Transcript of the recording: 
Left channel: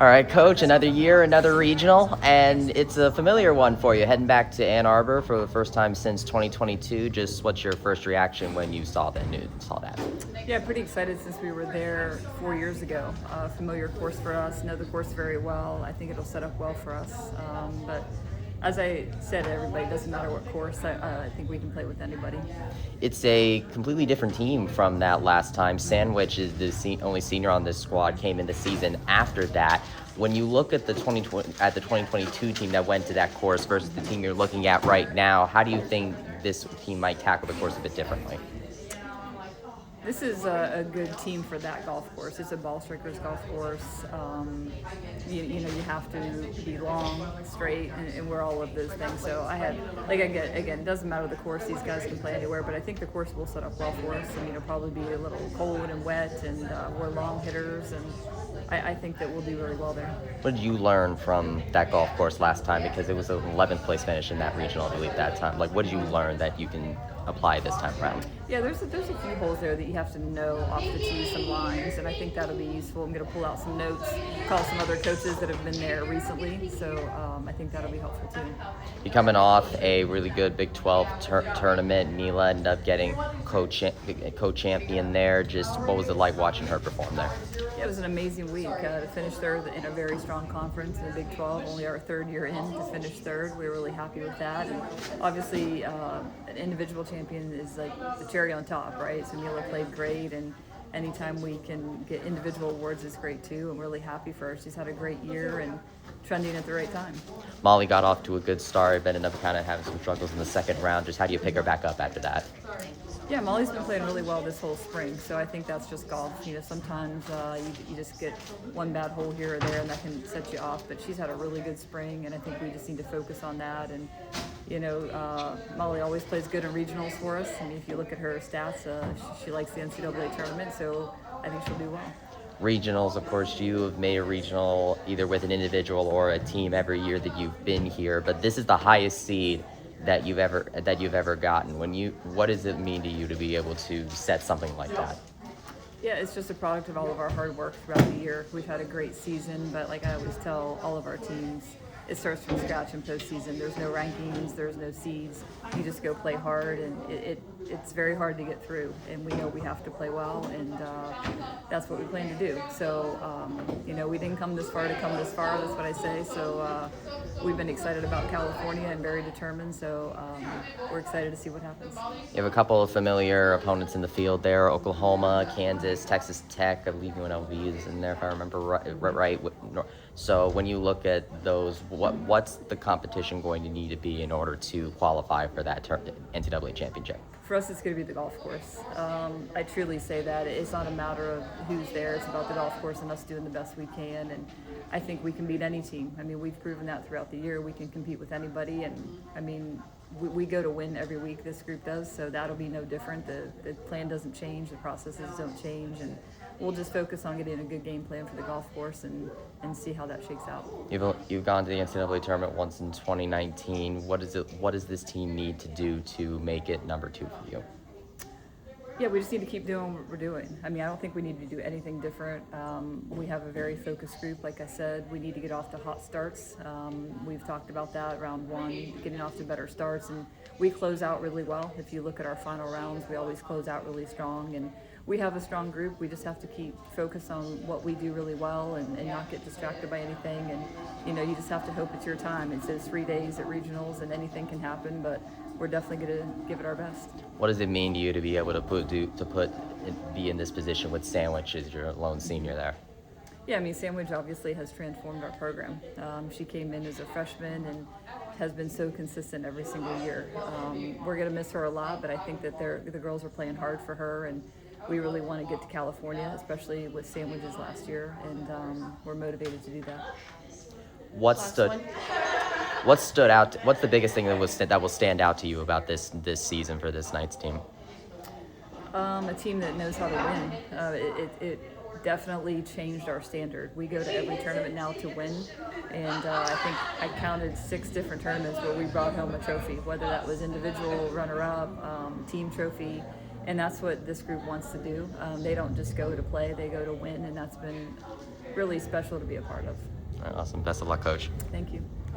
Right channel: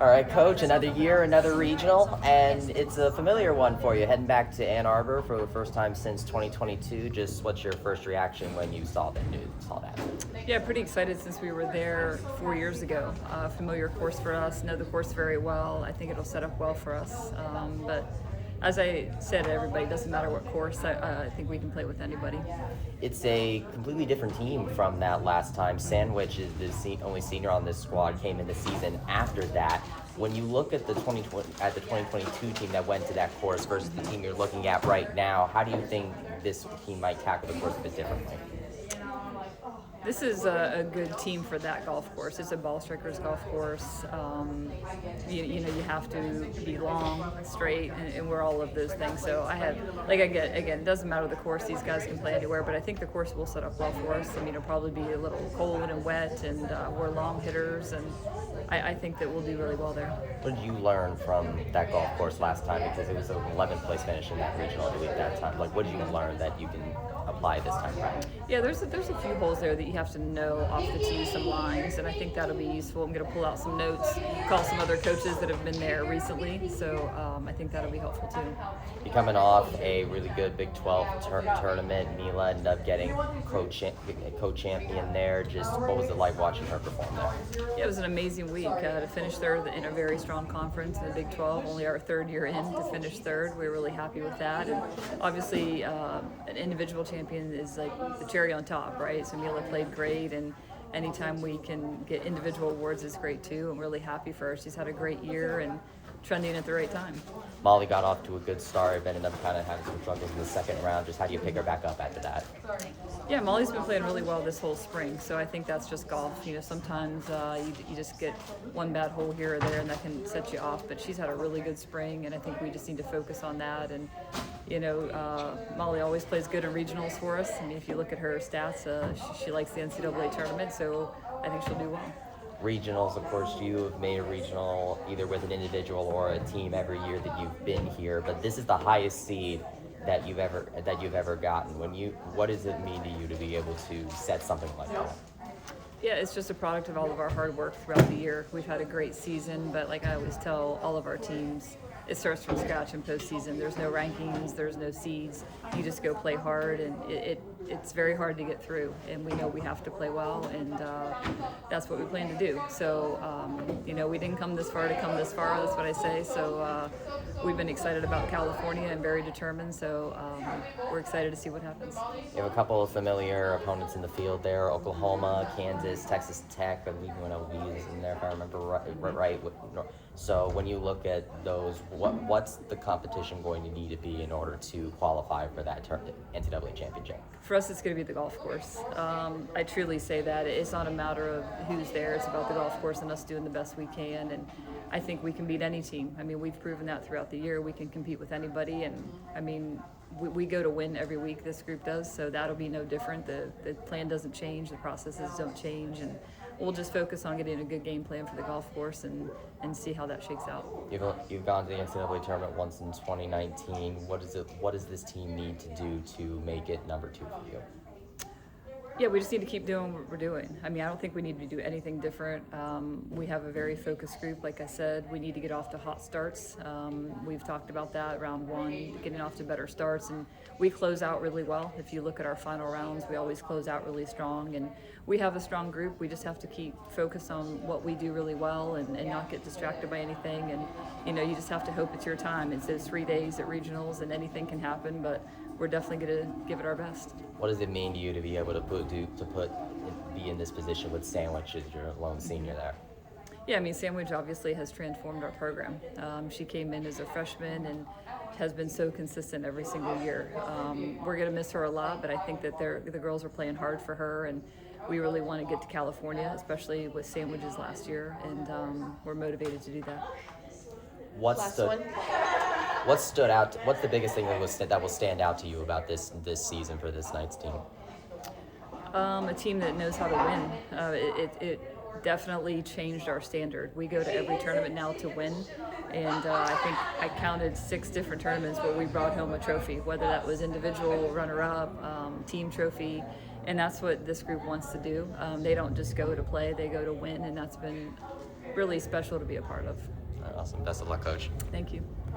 All right, Coach, another year, another regional, and it's a familiar one for you. Heading back to Ann Arbor for the first time since 2022. Just what's your first reaction when you saw the news? Saw that? Yeah, pretty excited since we were there 4 years ago. Familiar course for us, know the course very well. I think it'll set up well for us. But as I said to everybody, it doesn't matter what course. I think we can play with anybody. It's a completely different team from that last time. Sandwich is the only senior on this squad. Came in the season after that. When you look at the 2022 team that went to that course versus the team you're looking at right now, how do you think this team might tackle the course a bit differently? This is a good team for that golf course. It's a ball strikers golf course. You have to be long, straight, and we're all of those things. So again, it doesn't matter the course. These guys can play anywhere, but I think the course will set up well for us. I mean, it'll probably be a little cold and wet, and we're long hitters, and I think that we'll do really well there. What did you learn from that golf course last time? Because it was an 11th place finish in that regional, I believe, that time. Like, what did you learn that you can apply this time around? Yeah, there's a few holes there that you have to know off the tee, some lines, and I think that'll be useful. I'm going to pull out some notes, call some other coaches that have been there recently, so I think that'll be helpful too. You're coming off a really good Big 12 tournament. Neela ended up getting co-champion there. Just what was it like watching her perform there? Yeah, it was an amazing week to finish third in a very strong conference in the Big 12. Only our third year in to finish third. We were really happy with that, and obviously an individual champion is like the cherry on top, right? So Neela played great, and anytime we can get individual awards is great too. I'm really happy for her. She's had a great year and trending at the right time. Molly got off to a good start, but ended up kind of having some struggles in the second round. Just how do you pick her back up after that? Yeah, Molly's been playing really well this whole spring, so I think that's just golf. Sometimes you just get one bad hole here or there, and that can set you off. But she's had a really good spring, and I think we just need to focus on that. And Molly always plays good in regionals for us. I mean, if you look at her stats, she likes the NCAA tournament, so I think she'll do well. Regionals, of course, you have made a regional either with an individual or a team every year that you've been here, but this is the highest seed that you've ever gotten. What does it mean to you to be able to set something like that? Yeah, it's just a product of all of our hard work throughout the year. We've had a great season, but like I always tell all of our teams, it starts from scratch in postseason. There's no rankings, there's no seeds. You just go play hard, and it's very hard to get through. And we know we have to play well, and that's what we plan to do. So, we didn't come this far to come this far. That's what I say. So we've been excited about California and very determined. So we're excited to see what happens. You have a couple of familiar opponents in the field there: Oklahoma, Kansas, Texas Tech. I believe UNLV is in there, if I remember right. So when you look at those, what's the competition going to need to be in order to qualify for that NCAA championship? For us, it's going to be the golf course. I truly say that. It's not a matter of who's there. It's about the golf course and us doing the best we can. And I think we can beat any team. I mean, we've proven that throughout the year. We can compete with anybody. And, I mean, we go to win every week, this group does, so that'll be no different. The plan doesn't change. The processes don't change. And we'll just focus on getting a good game plan for the golf course and see how that shakes out. You've gone to the NCAA tournament once in 2019. What does this team need to do to make it number 2 for you? Yeah, we just need to keep doing what we're doing. I mean, I don't think we need to do anything different. We have a very focused group. Like I said, we need to get off to hot starts. We've talked about that, round 1, getting off to better starts, and we close out really well. If you look at our final rounds, we always close out really strong, and we have a strong group. We just have to keep focused on what we do really well and not get distracted by anything. And, you just have to hope it's your time. It says 3 days at regionals, and anything can happen, but we're definitely going to give it our best. What does it mean to you to be able to be in this position with Sandwich as your lone senior there? Yeah, I mean, Sandwich obviously has transformed our program. She came in as a freshman and has been so consistent every single year. We're going to miss her a lot, but I think that the girls are playing hard for her, and we really want to get to California, especially with Sandwiches last year, and we're motivated to do that. What stood out? What's the biggest thing that will stand out to you about this season for this Knights team? A team that knows how to win. It definitely changed our standard. We go to every tournament now to win, and I think I counted 6 different tournaments where we brought home a trophy, whether that was individual, runner-up, team trophy, and that's what this group wants to do. They don't just go to play, they go to win, and that's been really special to be a part of. Awesome. Best of luck, Coach. Thank you.